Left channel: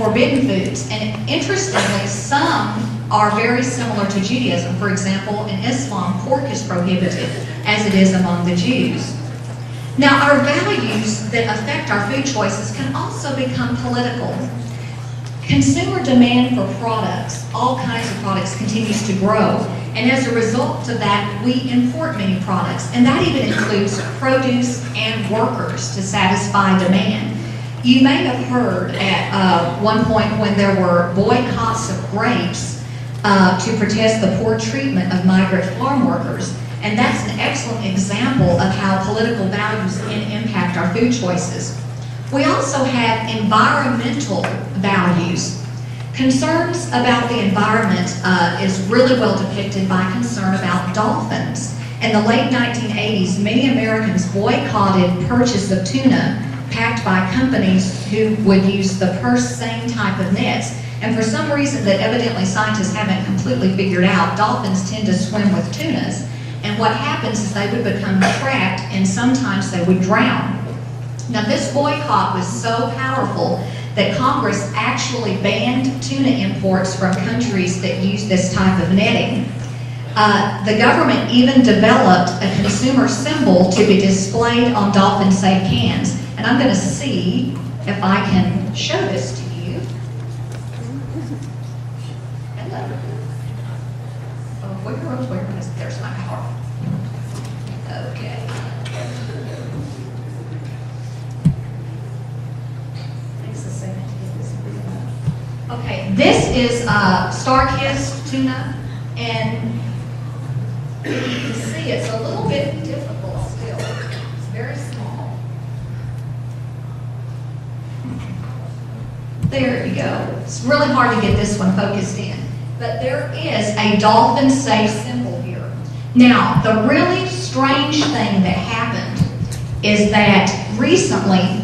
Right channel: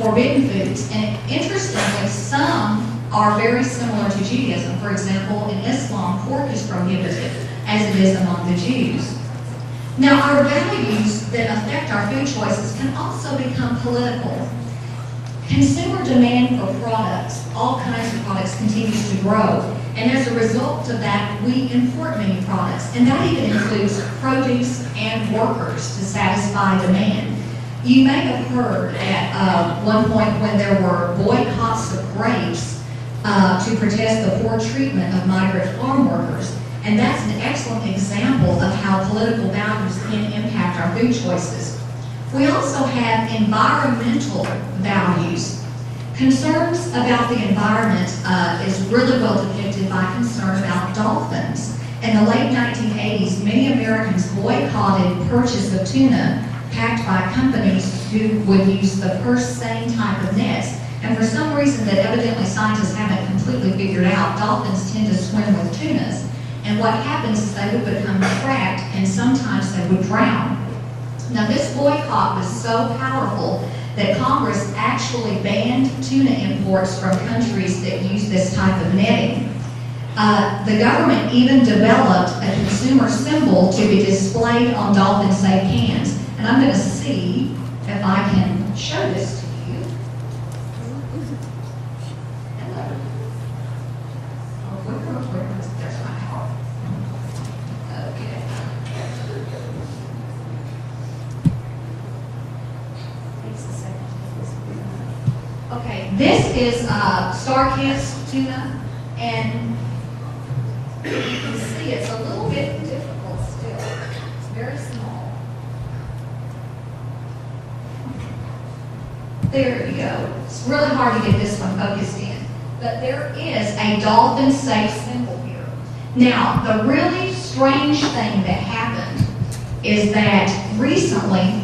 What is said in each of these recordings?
forbidden foods. And interestingly, some are very similar to Judaism. For example, in Islam, pork is prohibited, as it is among the Jews. Now, our values that affect our food choices can also become political. Consumer demand for products, all kinds of products, continues to grow. And as a result of that, we import many products. And that even includes produce and workers to satisfy demand. You may have heard at one point when there were boycotts of grapes to protest the poor treatment of migrant farm workers. And that's an excellent example of how political values can impact our food choices. We also have environmental values. Concerns about the environment is really well depicted by concern about dolphins. In the late 1980s, many Americans boycotted purchase of tuna packed by companies who would use the same type of nets. And for some reason that evidently scientists haven't completely figured out, dolphins tend to swim with tunas. And what happens is they would become trapped and sometimes they would drown. Now this boycott was so powerful that Congress actually banned tuna imports from countries that use this type of netting. The government even developed a consumer symbol to be displayed on dolphin-safe cans. And I'm going to see if I can show this to you. Hello. Oh, where is, there's my car. Okay. Okay, this is star-kissed tuna, and you can see it's a little bit difficult still. It's very small. There you go. It's really hard to get this one focused in. But there is a dolphin-safe symbol here. Now, the really strange thing that happened is that recently,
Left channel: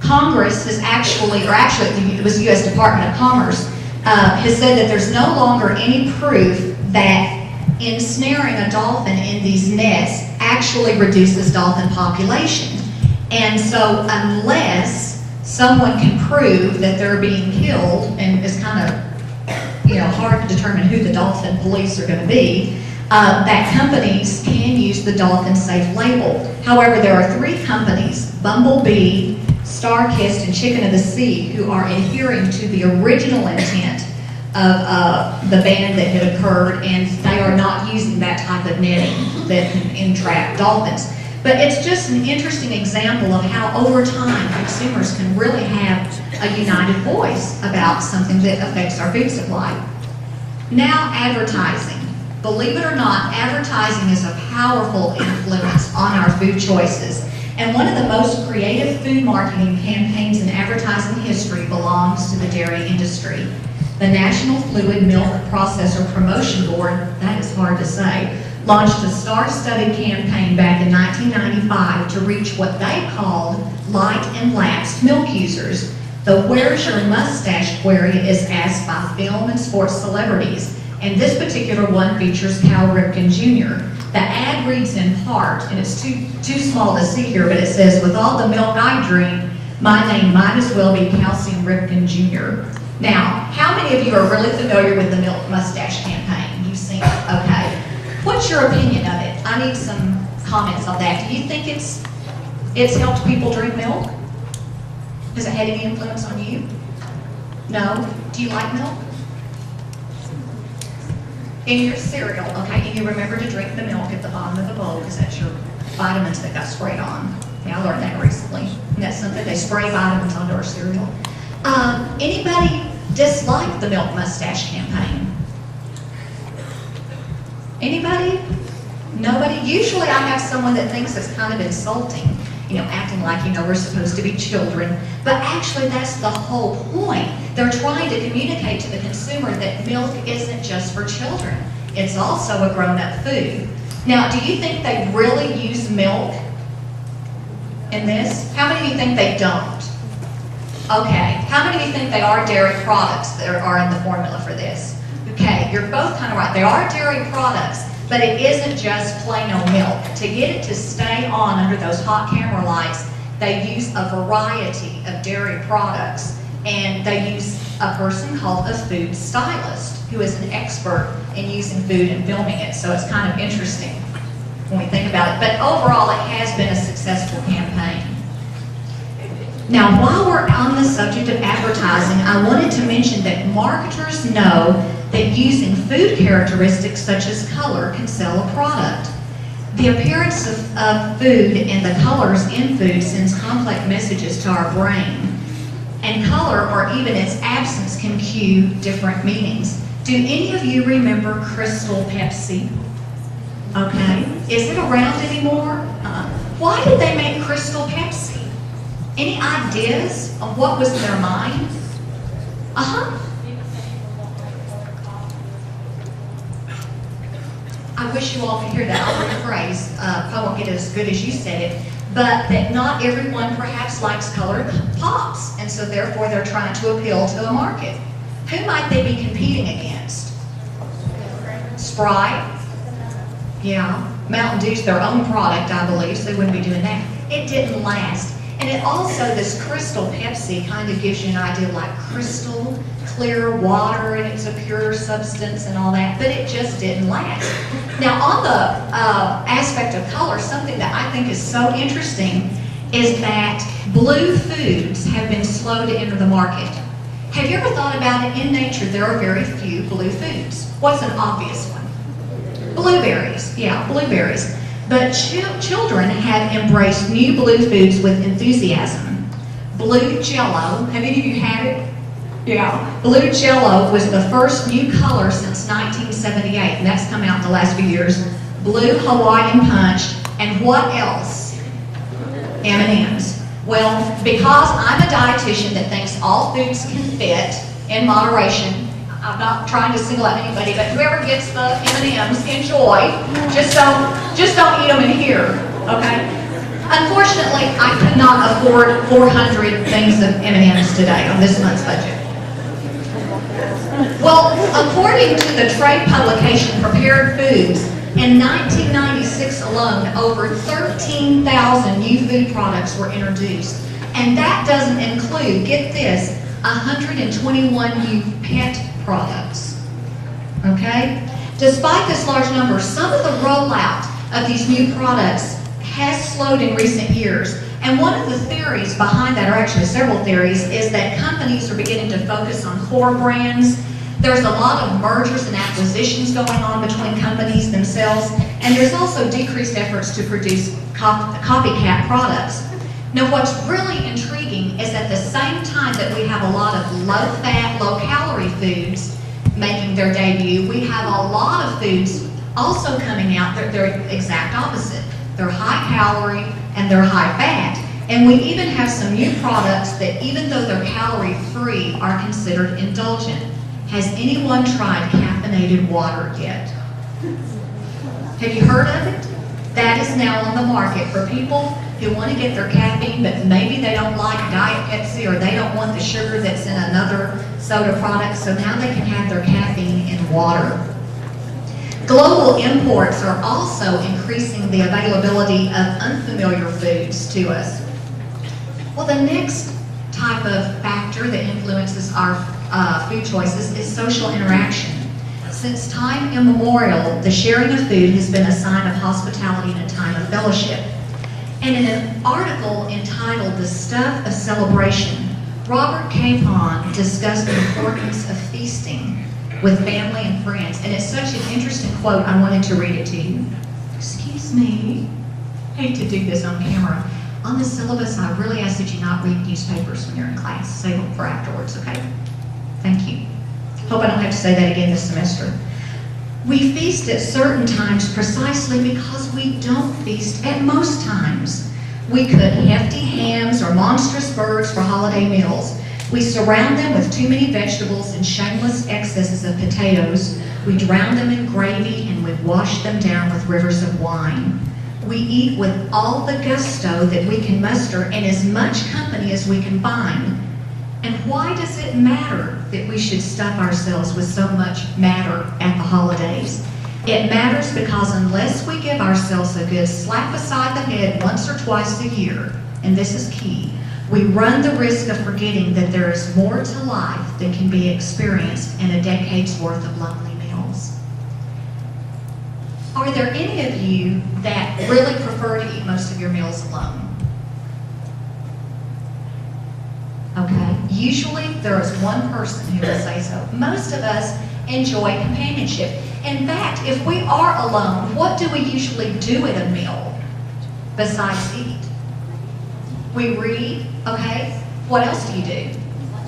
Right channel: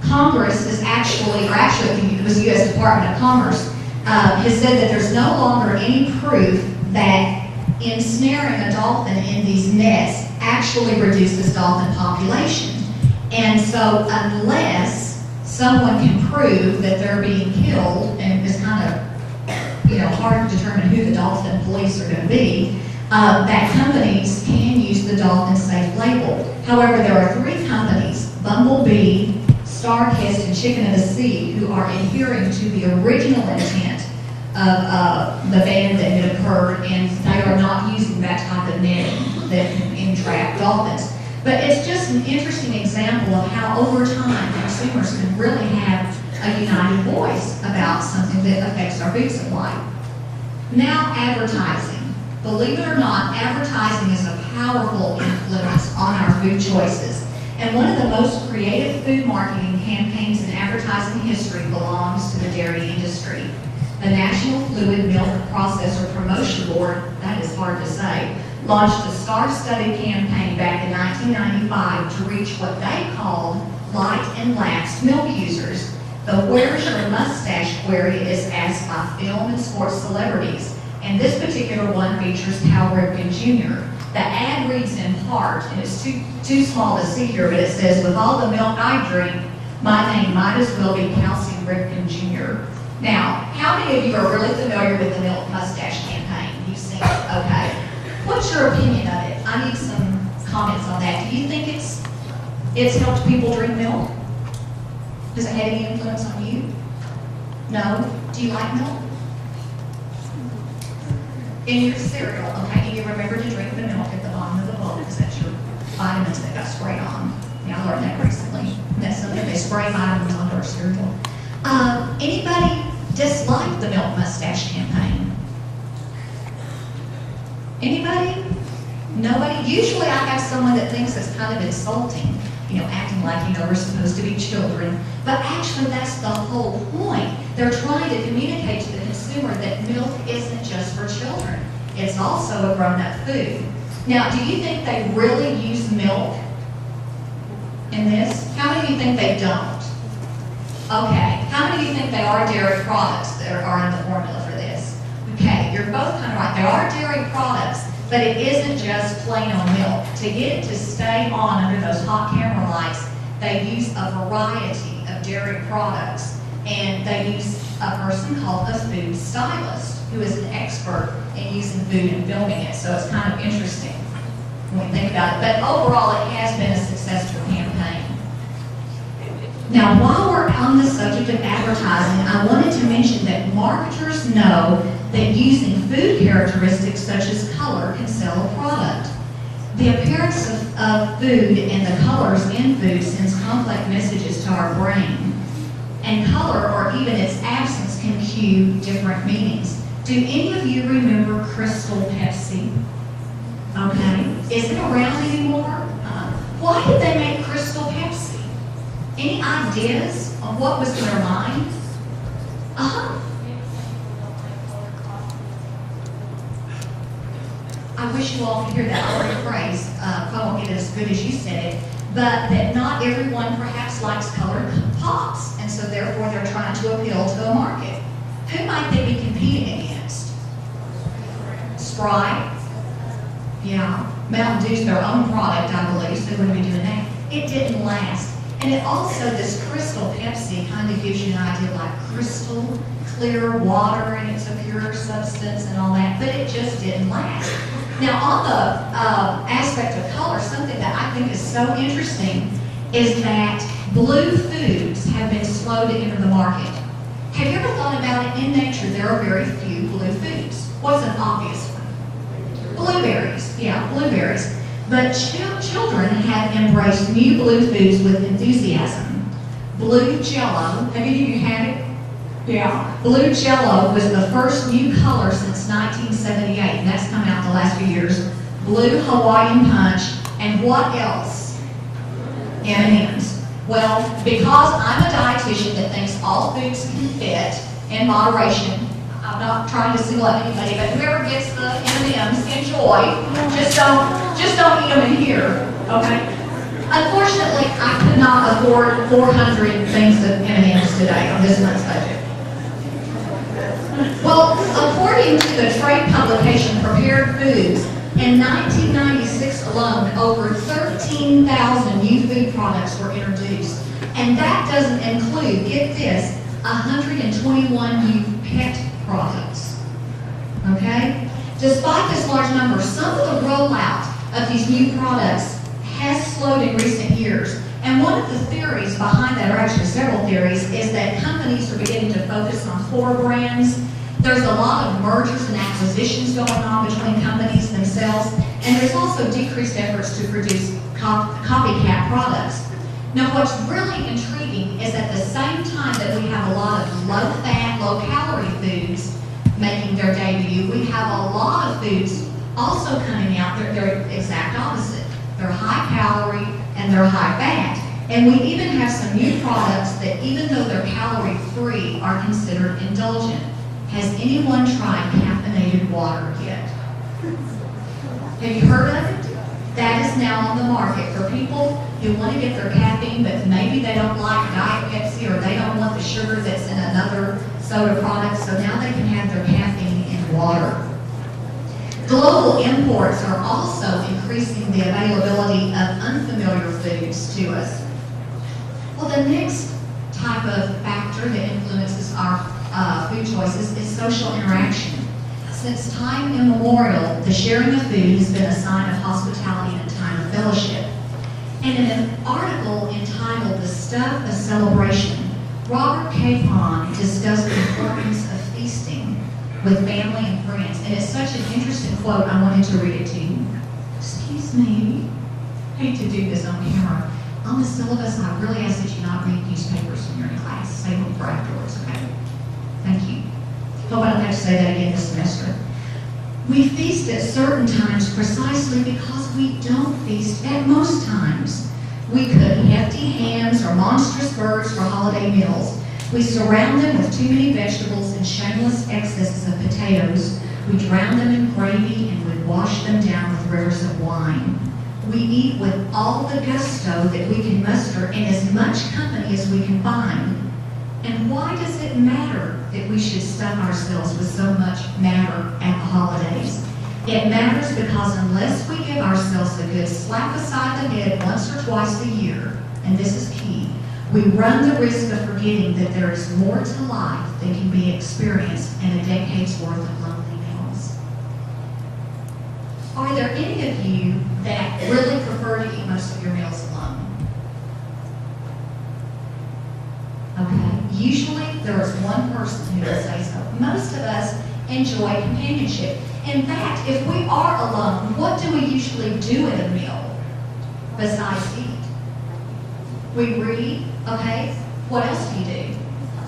Congress has actually it was the U.S. Department of Commerce, has said that there's no longer any proof that ensnaring a dolphin in these nets actually reduces dolphin population. And so unless someone can prove that they're being killed, and it's kind of hard to determine who the dolphin police are going to be, that companies can use the dolphin safe label. However, there are 3 companies, Bumblebee, Star-Kissed, and Chicken of the Sea, who are adhering to the original intent of the ban that had occurred, and they are not using that type of netting that can entrap dolphins. But it's just an interesting example of how over time consumers can really have a united voice about something that affects our food supply. Now, advertising. Believe it or not, advertising is a powerful influence on our food choices. And one of the most creative food marketing campaigns in advertising history belongs to the dairy industry. The National Fluid Milk Processor Promotion Board, that is hard to say, launched a star-studded campaign back in 1995 to reach what they called light and lax milk users. The "Where's Your Mustache" query is asked by film and sports celebrities, and this particular one features Cal Ripken Jr. The ad reads in part, and it's too small to see here, but it says, "With all the milk I drink, my name might as well be Calcium Ripken Jr." Now, how many of you are really familiar with the Milk Mustache campaign? You've seen it? Okay. What's your opinion of it? I need some comments on that. Do you think it's helped people drink milk? Has it had any influence on you? No? Do you like milk? In your cereal, okay, and you remember to drink the milk at the bottom of the bowl because that's your vitamins that got sprayed on. Yeah, I learned that recently. And that's something they spray vitamins onto our cereal. Anybody dislike the Milk Mustache campaign? Anybody? Nobody? Usually I have someone that thinks it's kind of insulting, acting like, we're supposed to be children. But actually that's the whole point. They're trying to communicate to the consumer that milk isn't just for children. It's also a grown-up food. Now, do you think they really use milk in this? How many of you think they don't? Okay. How many of you think they are dairy products that are in the formula for this? Okay, you're both kind of right. They are dairy products, but it isn't just plain old milk. To get it to stay on under those hot camera lights, They use a variety of dairy products, and they use a person called a food stylist, who is an expert in using food and filming it. So it's kind of interesting when we think about it. But overall, it has been a successful campaign. Now, while we're on the subject of advertising, I wanted to mention that marketers know that using food characteristics such as color can sell a product. The appearance of food and the colors in food sends complex messages to our brain. And color, or even its absence, can cue different meanings. Do any of you remember Crystal Pepsi? Okay. Is it around anymore? Why did they make Crystal Pepsi? Any ideas of what was in their mind? I wish you all could hear that. I'll rephrase. Probably won't get it as good as you said it, but that not everyone perhaps likes colored pops, and so therefore they're trying to appeal to a market. Who might they be competing against? Sprite? Yeah. Mountain Dew's their own product, I believe, so they wouldn't be doing that. It didn't last. And it also, this Crystal Pepsi kind of gives you an idea like crystal, clear water, and it's a pure substance and all that, but it just didn't last. Now, on the aspect of color, something that I think is so interesting is that blue foods have been slow to enter the market. Have you ever thought about it? In nature, there are very few blue foods. What's an obvious one? Blueberries. Yeah, blueberries. But children have embraced new blue foods with enthusiasm. Blue Jello, have any of you had it? Yeah. Blue Jello was the first new color since 1978, and that's come out in the last few years. Blue Hawaiian Punch, and what else? M&Ms. Well, because I'm a dietitian that thinks all foods can fit in moderation, I'm not trying to single out anybody, but whoever gets the M&Ms, enjoy. Just don't eat them in here, okay? Unfortunately, I could not afford 400 things of M&Ms today on this month's budget. Well, according to the trade publication Prepared Foods, in 1996 alone, over 13,000 new food products were introduced. And that doesn't include, get this, 121 new pet products. Okay? Despite this large number, some of the rollout of these new products has slowed in recent years. And one of the theories behind that, or actually several theories, is that companies are beginning to focus on core brands. There's a lot of mergers and acquisitions going on between companies themselves, and there's also decreased efforts to produce copycat products. Now, what's really intriguing is at the same time that we have a lot of low-fat, low-calorie foods making their debut, we have a lot of foods also coming out that they're exact opposite. They're high-calorie and they're high-fat. And we even have some new products that, even though they're calorie-free, are considered indulgent. Has anyone tried caffeinated water yet? Have you heard of it? That is now on the market for people who want to get their caffeine, but maybe they don't like Diet Pepsi, or they don't want the sugar that's in another soda product, so now they can have their caffeine in water. Global imports are also increasing the availability of unfamiliar foods to us. Well, the next type of factor that influences our food choices is social interaction. Since time immemorial, the sharing of food has been a sign of hospitality and a time of fellowship. And in an article entitled "The Stuff of Celebration," Robert Capon discussed the importance of feasting with family and friends. And it's such an interesting quote, I wanted to read it to you. Excuse me. Hate to do this on camera. On the syllabus, I really ask that you not read newspapers when you're in class. Save them for afterwards, okay? Thank you. Hope I don't have to say that again this semester. We feast at certain times precisely because we don't feast at most times. We cook hefty hams or monstrous birds for holiday meals. We surround them with too many vegetables and shameless excesses of potatoes. We drown them in gravy and we wash them down with rivers of wine. We eat with all the gusto that we can muster and as much company as we can find. And why does it matter that we should stuff ourselves with so much matter at the holidays? It matters because unless we give ourselves a good slap beside the head once or twice a year, and this is key, we run the risk of forgetting that there is more to life than can be experienced in a decade's worth of lonely meals. Are there any of you that really prefer to eat most of your meals alone? Okay, usually there is one person who will say so. Most of us enjoy companionship. In fact, if we are alone, what do we usually do at a meal besides eat? We read, okay? What else do you do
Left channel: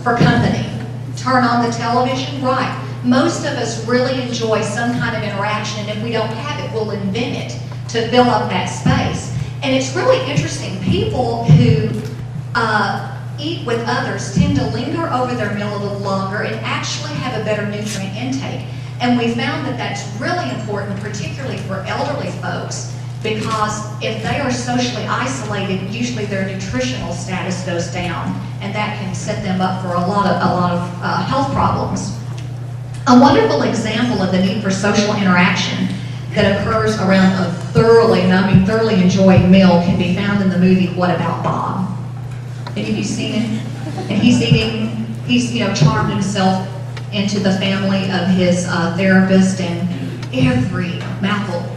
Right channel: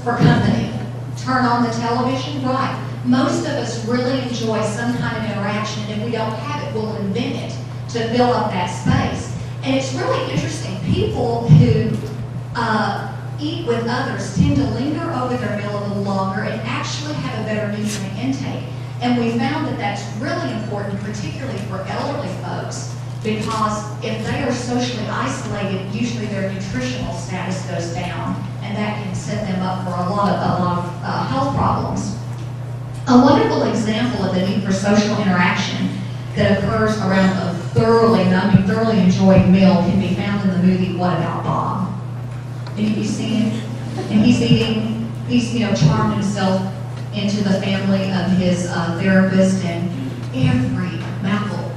for company? Turn on the television? Right. Most of us really enjoy some kind of interaction, and if we don't have it, we'll invent it to fill up that space. And it's really interesting. People who eat with others tend to linger over their meal a little longer and actually have a better nutrient intake. And we found that that's really important, particularly for elderly folks, because if they are socially isolated, usually their nutritional status goes down, and that can set them up for a lot of health problems. A wonderful example of the need for social interaction that occurs around a thoroughly enjoyed meal can be found in the movie What About Bob? Any of you seen him? And he's charmed himself into the family of his therapist, and every mouthful,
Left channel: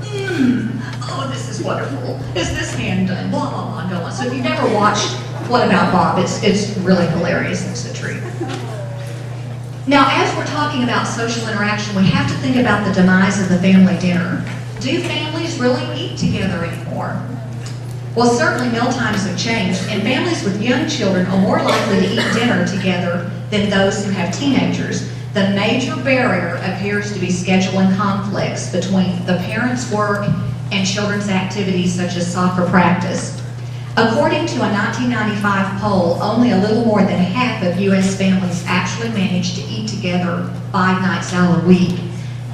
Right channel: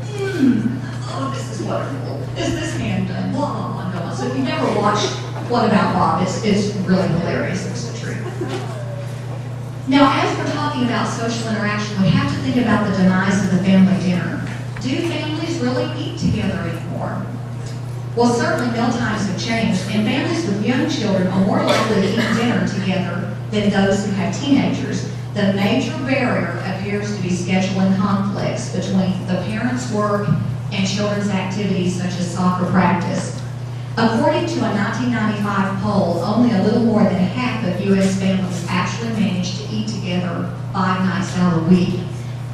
oh, this is wonderful. Is this hand done? Blah, blah, blah, blah. So if you never watched What About Bob, it's really hilarious. It's a treat. Now, as we're talking about social interaction, we have to think about the demise of the family dinner. Do families really eat together anymore? Well, certainly meal times have changed, and families with young children are more likely to eat dinner together than those who have teenagers. The major barrier appears to be scheduling conflicts between the parents' work and children's activities such as soccer practice. According to a 1995 poll, only a little more than half of U.S. families actually manage to eat together 5 nights out a week.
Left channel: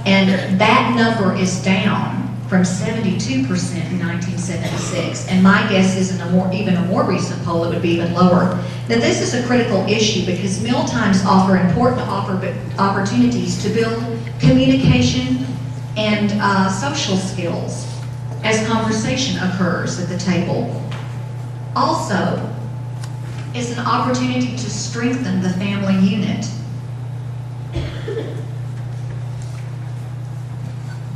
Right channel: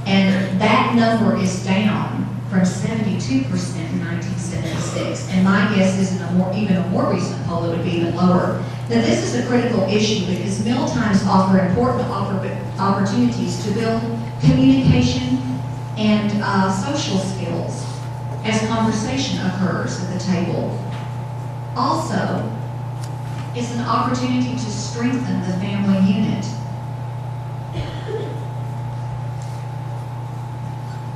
And that number is down from 72% in 1976. And my guess is in even a more recent poll, it would be even lower. Now, this is a critical issue because meal times offer important opportunities to build communication and social skills as conversation occurs at the table. Also, it's an opportunity to strengthen the family unit.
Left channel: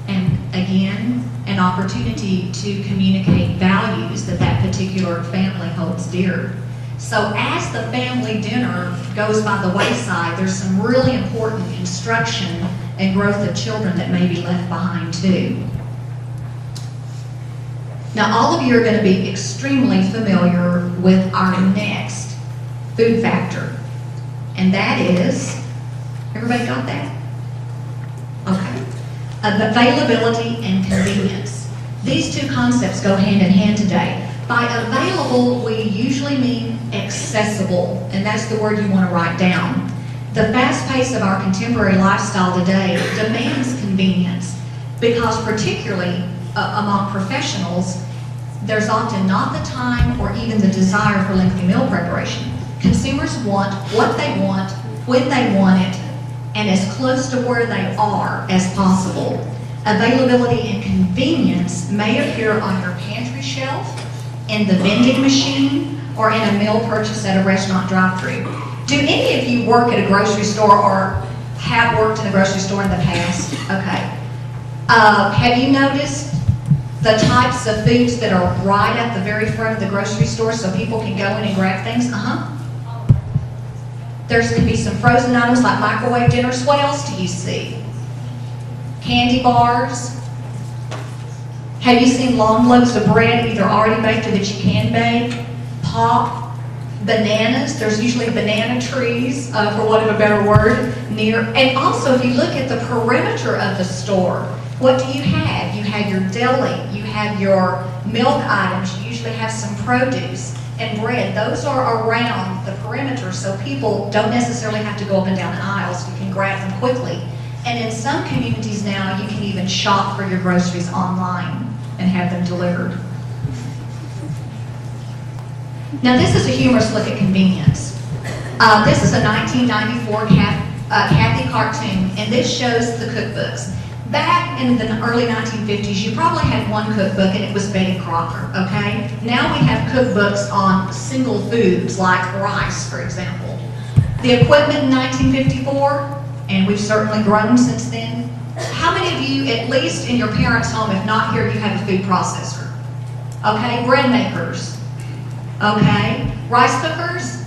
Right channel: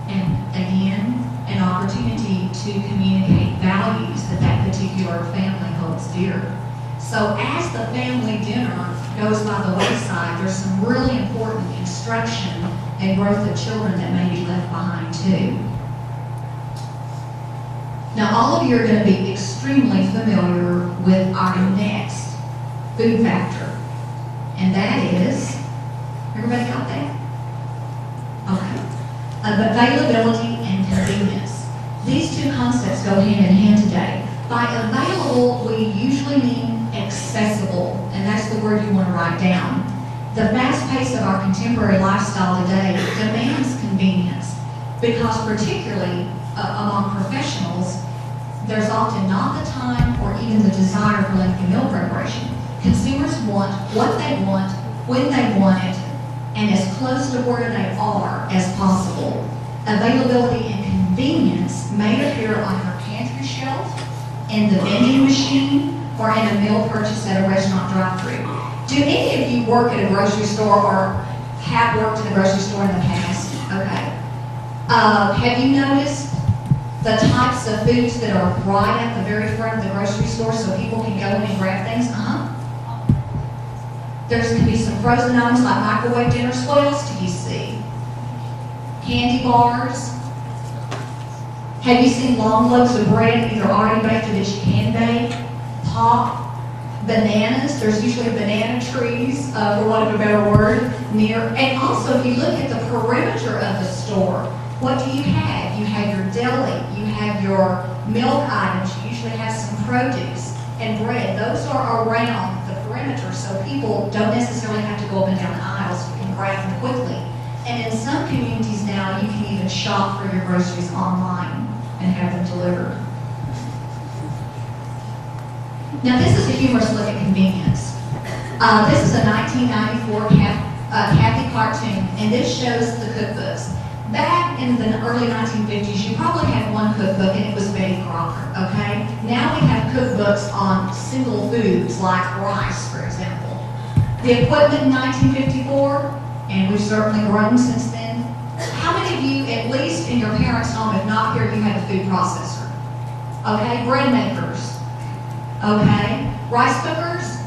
And again, an opportunity to communicate values that particular family holds dear. So as the family dinner goes by the wayside, there's some really important instruction and growth of children that may be left behind too. Now, all of you are going to be extremely familiar with our next food factor, and that is, everybody got that? Okay. Availability and convenience. These two concepts go hand in hand today. By available, we usually mean accessible, and that's the word you want to write down. The fast pace of our contemporary lifestyle today demands convenience because particularly among professionals, there's often not the time or even the desire for lengthy meal preparation. Consumers want what they want, when they want it, and as close to where they are as possible. Availability and convenience may appear on your pantry shelf, in the vending machine, or in a meal purchase at a restaurant drive-thru. Do any of you work at a grocery store or have worked in a grocery store in the past? Okay. Have you noticed the types of foods that are right at the very front of the grocery store so people can go in and grab things? There can be some frozen items like microwave dinners. What else do you see? Candy bars. Have you seen long loaves of bread either already baked or that you can bake? Pop. Bananas. There's usually banana trees, for want of a better word, near. And also, if you look at the perimeter of the store, what do you have? You have your deli. You have your milk items. You usually have some produce and bread. Those are around the perimeter, so people don't necessarily have to go up and down the aisles. You can grab them quickly. And in some communities now, you can even shop for your groceries online and have them delivered. Now, this is a humorous look at convenience. This is a 1994 Kathy cartoon, and this shows the cookbooks. Back in the early 1950s, you probably had one cookbook, and it was Betty Crocker, okay? Now we have cookbooks on single foods, like rice, for example. The equipment in 1954, and we've certainly grown since then. How many of you, at least in your parents' home, if not here, you have a food processor? Okay, bread makers. Okay, rice cookers?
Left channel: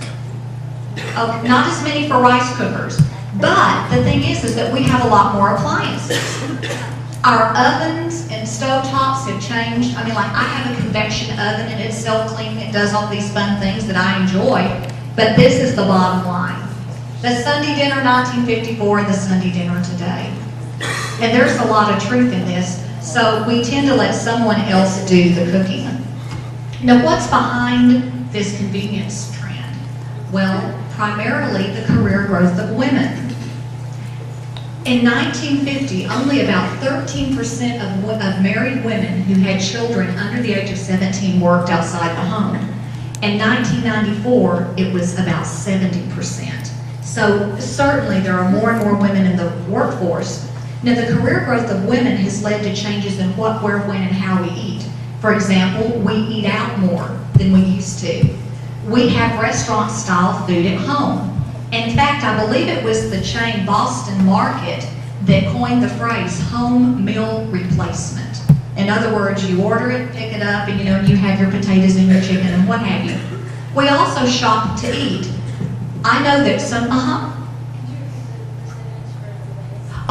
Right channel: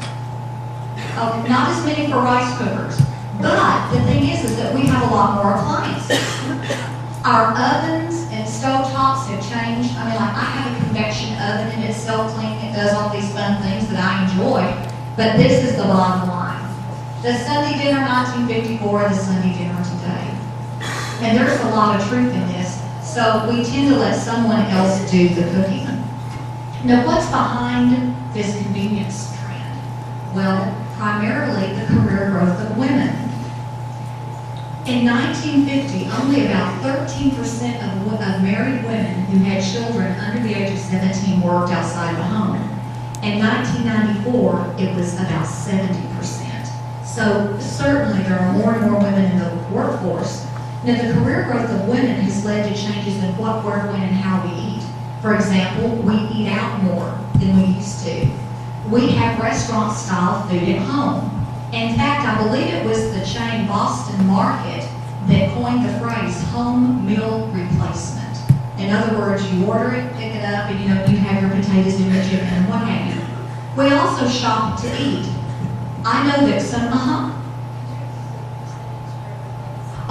Okay, not as many for rice cookers. But the thing is that we have a lot more appliances. Our ovens and stovetops have changed. I mean, like, I have a convection oven, and it's self-cleaning. It does all these fun things that I enjoy. But this is the bottom line. The Sunday dinner 1954 and the Sunday dinner today. And there's a lot of truth in this. So we tend to let someone else do the cooking. Now, what's behind this convenience trend? Well, primarily the career growth of women. In 1950, only about 13% of married women who had children under the age of 17 worked outside the home. In 1994, it was about 70%. So certainly there are more and more women in the workforce. Now, the career growth of women has led to changes in what, where, when, and how we eat. For example, we eat out more than we used to. We have restaurant-style food at home. In fact, I believe it was the chain Boston Market that coined the phrase home meal replacement. In other words, you order it, pick it up, and you have your potatoes and your chicken and what have you. We also shop to eat. I know that some,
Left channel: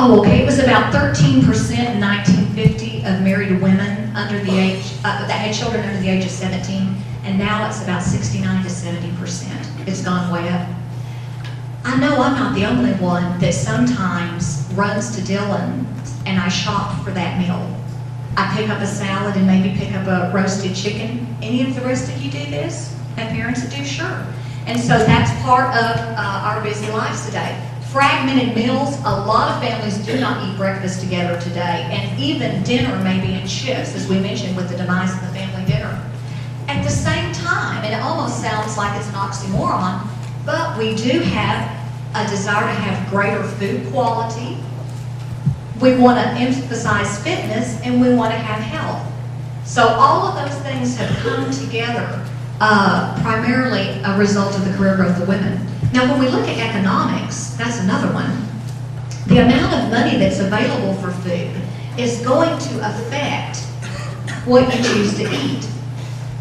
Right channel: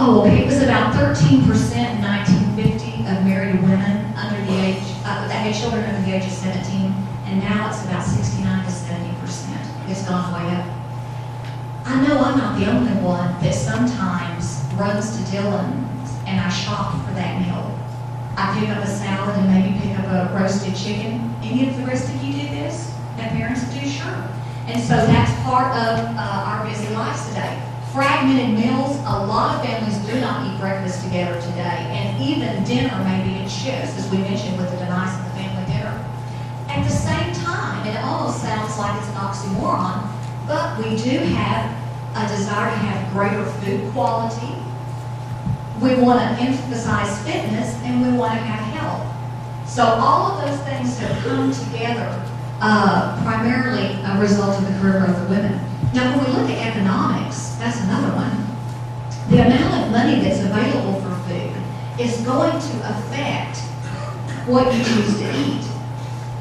Oh, okay, it was about 13% in 1950 of married women under the age, that had children under the age of 17, and now it's about 69 to 70%. It's gone way up. I know I'm not the only one that sometimes runs to Dillon and I shop for that meal. I pick up a salad and maybe pick up a roasted chicken. Any of the rest of you do this? Have parents that do? Sure. And so that's part of our busy lives today. Fragmented meals, a lot of families do not eat breakfast together today, and even dinner may be in shifts, as we mentioned with the demise of the family dinner. At the same time, and it almost sounds like it's an oxymoron, but we do have a desire to have greater food quality. We want to emphasize fitness, and we want to have health. So all of those things have come together, primarily a result of the career growth of women. Now, when we look at economics, that's another one. The amount of money that's available for food is going to affect what you choose to eat.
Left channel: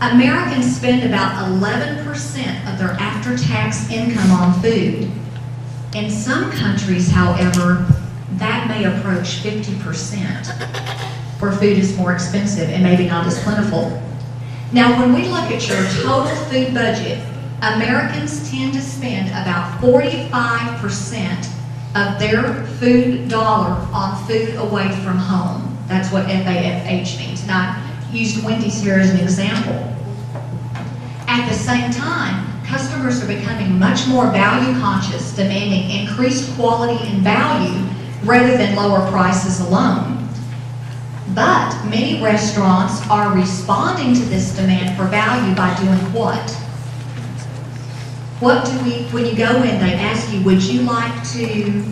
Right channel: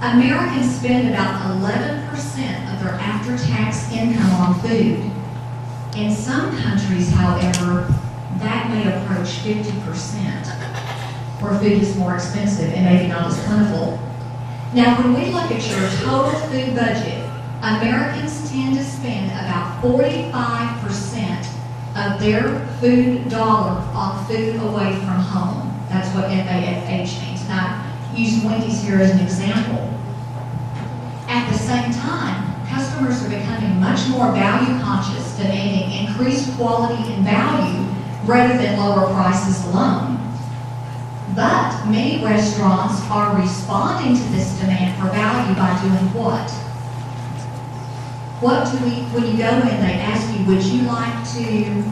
Americans spend about 11% of their after-tax income on food. In some countries, however, that may approach 50%, where food is more expensive and maybe not as plentiful. Now, when we look at your total food budget, Americans tend to spend about 45% of their food dollar on food away from home. That's what FAFH means. And I used Wendy's here as an example. At the same time, customers are becoming much more value conscious, demanding increased quality and value rather than lower prices alone. But many restaurants are responding to this demand for value by doing what? When you go in, they ask you, would you like to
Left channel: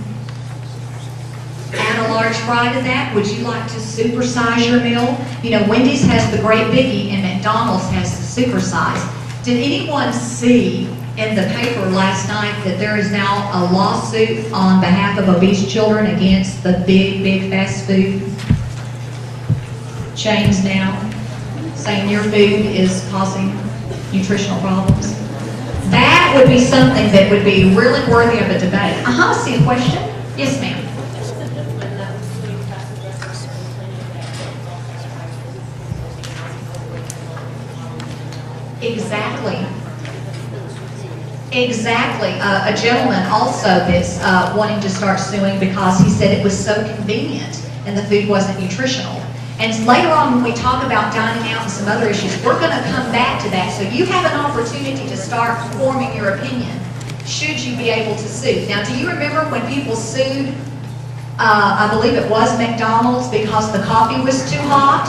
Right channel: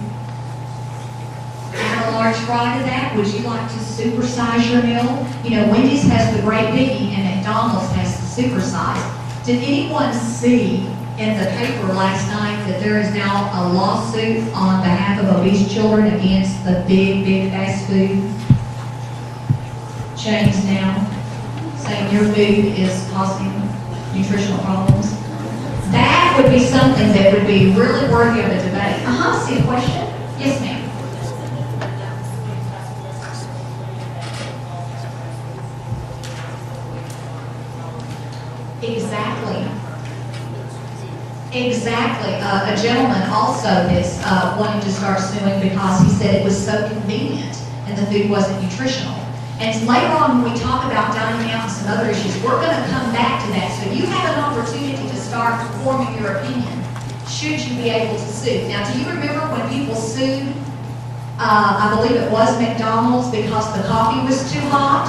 add a large fry to that? Would you like to supersize your meal? Wendy's has the great biggie and McDonald's has the supersize. Did anyone see in the paper last night that there is now a lawsuit on behalf of obese children against the big fast food chains now, saying your food is causing nutritional problems? That would be something that would be really worthy of a debate. I see a question. Yes, ma'am. Exactly. A gentleman also that's wanting to start suing because he said it was so convenient and the food wasn't nutritional. And later on, when we talk about dining out and some other issues, we're going to come back to that. So you have an opportunity to start forming your opinion, should you be able to sue. Now, do you remember when people sued, I believe it was McDonald's, because the coffee was too hot?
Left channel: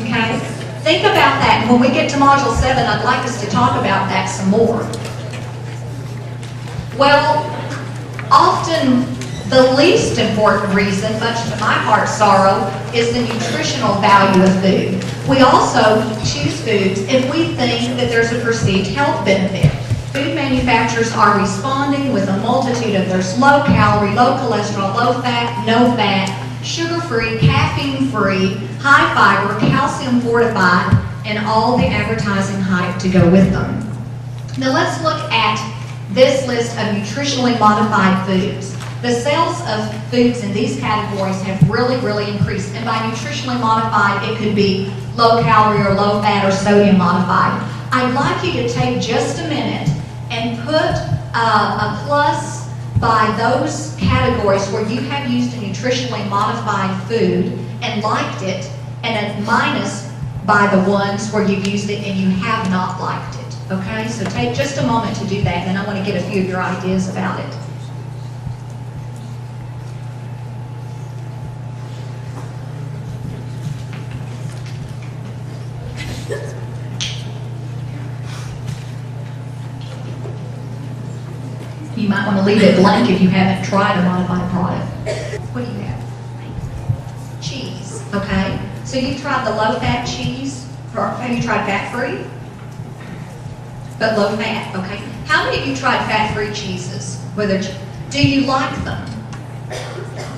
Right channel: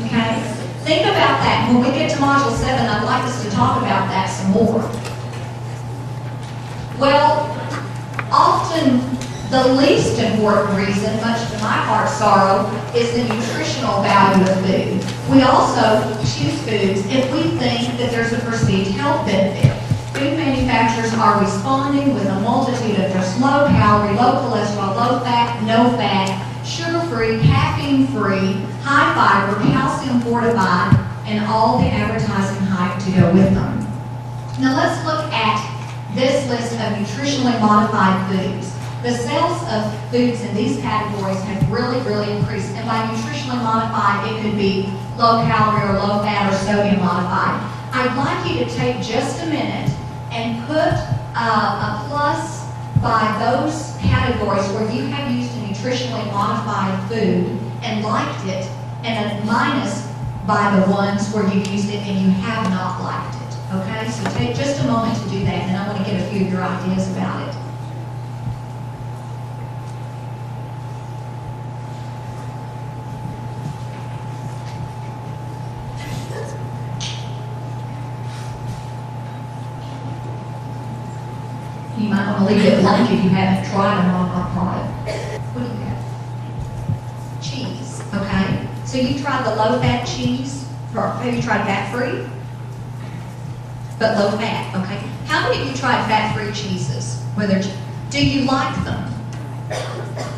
Okay? Think about that. When we get to Module 7, I'd like us to talk about that some more. Well, often The least important reason, much to my heart's sorrow, is the nutritional value of food. We also choose foods if we think that there's a perceived health benefit. Food manufacturers are responding with a multitude of there's low calorie, low cholesterol, low fat, no fat, sugar-free, caffeine-free, high fiber, calcium fortified, and all the advertising hype to go with them. Now let's look at this list of nutritionally modified foods. The sales of foods in these categories have really increased, and by nutritionally modified, it could be low calorie or low fat or sodium modified. I'd like you to take just a minute and put a plus by those categories where you have used a nutritionally modified food and liked it, and a minus by the ones where you've used it and you have not liked it. Okay, so take just a moment to do that, and then I want to get a few of your ideas about it. You might want to leave it blank if you haven't tried a modified product. What do you have? Cheese, okay? So you've tried the low-fat cheese? Have you tried fat-free? But low-fat, okay? How many of you tried fat-free cheeses? Do you like them?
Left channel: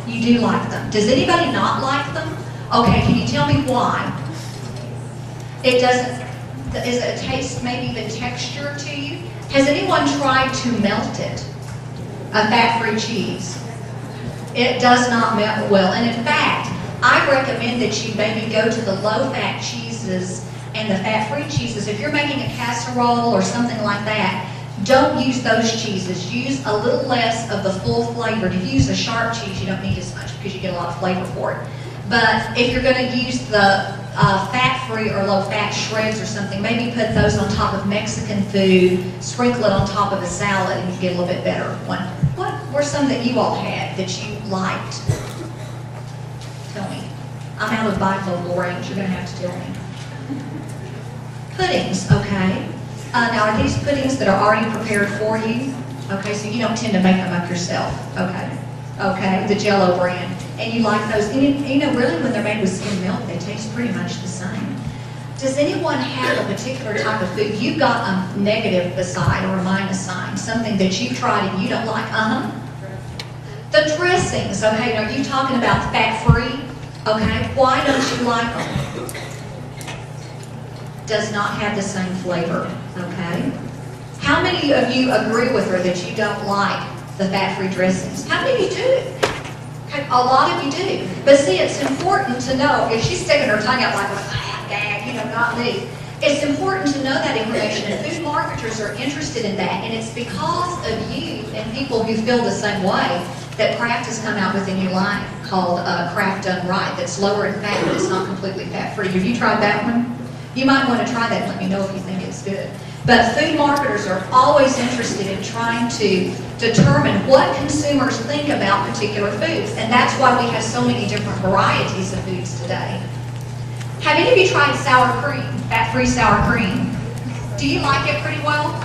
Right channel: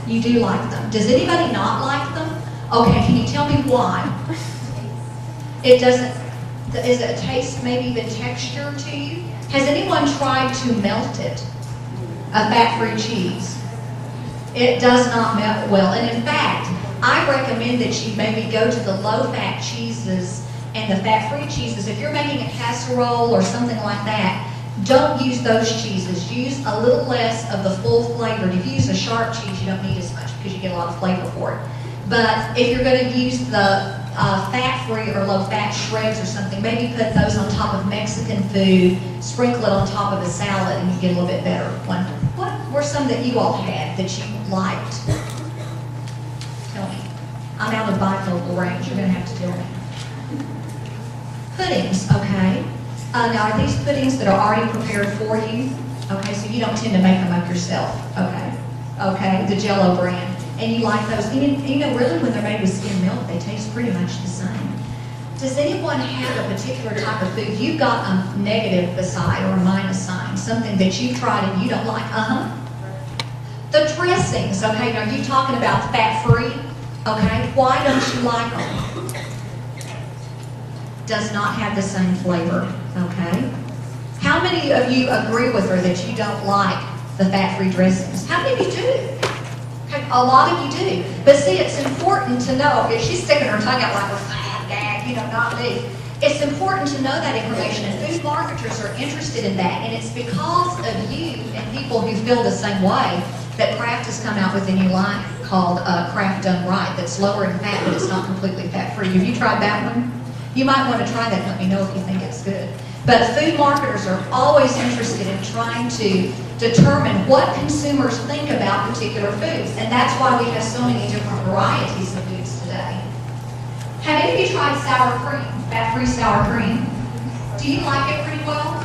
You do like them. Does anybody not like them? Okay, can you tell me why? It doesn't, is it a taste, maybe even texture to you? Has anyone tried to melt it? A fat-free cheese? It does not melt well. And in fact, I recommend that you maybe go to the low-fat cheeses and the fat-free cheeses. If you're making a casserole or something like that, don't use those cheeses. Use a little less of the full flavored. If you use a sharp cheese, you don't need as much because you get a lot of flavor for it. But if you're going to use the fat-free or low-fat shreds or something, maybe put those on top of Mexican food, sprinkle it on top of a salad, and you get a little bit better one. What were some that you all had that you liked? Tell me. I'm out of bifocal range. You're going to have to tell me. Puddings, okay. Now, are these puddings that are already prepared for you? Okay, so you don't tend to make them up yourself. Okay. Okay, the Jell-O brand. And you like those. And you know, really, when they're made with skim milk, they taste pretty much the same. Does anyone have a particular type of food? You've got a negative beside or a minus sign, something that you've tried and you don't like. The dressings, okay. Now, are you talking about fat-free? Okay, why don't you like them? Does not have the same flavor, okay. How many of you agree with her that you don't like the fat-free dressings? How many of you do? Okay, a lot of you do. But see, it's important to know, if she's sticking her tongue out like, you know, not me. It's important to know that information, and food marketers are interested in that, and it's because of you and people who feel the same way that Kraft has come out with a new line called Kraft Done Right that's lower in fat, but it's not completely fat-free. Have you tried that one? You might want to try that and let me know if you think it's good. But food marketers are always interested in trying to determine what consumers think about particular foods, and that's why we have so many different varieties of foods today. Have any of you tried sour cream, fat-free sour cream? Do you like it pretty well?